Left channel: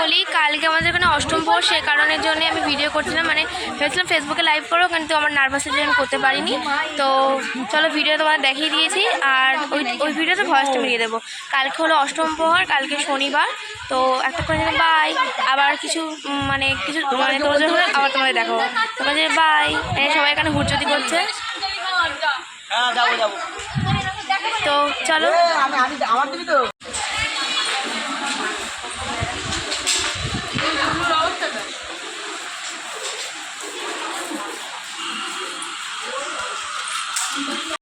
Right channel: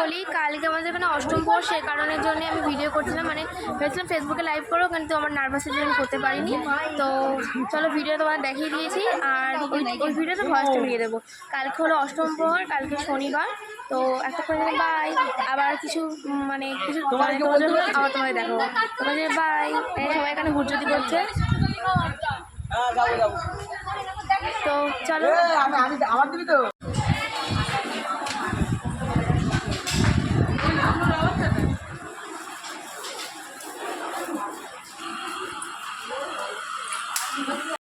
বলি কালকে আমাদের এখানে অষ্টম প্রহর সে কারণের জন্য আমি ভিডিও করছিলাম। মানে ভেবেছিলাম ফেসবুকে লাইভ করব কিন্তু আমার নার্ভাসের জন্য করতে পারিনি। তো চলো ভিডিও তোমাদের দেখিয়ে দিয়েছি আর ওই ওই ভিডিওতে ভয়েসটা মিলিয়ে দেবো। কালকে হলো অষ্টম প্রহর কালকে শনিবার। তো একটা করে বাই আবার কিছু মানে কিছু মানে তোর হলে আবার তোমাদের দেখাবো। তোমাদের বাই সবাই এখানে হুজ্জতি করছে। হ্যাঁ তো চলো।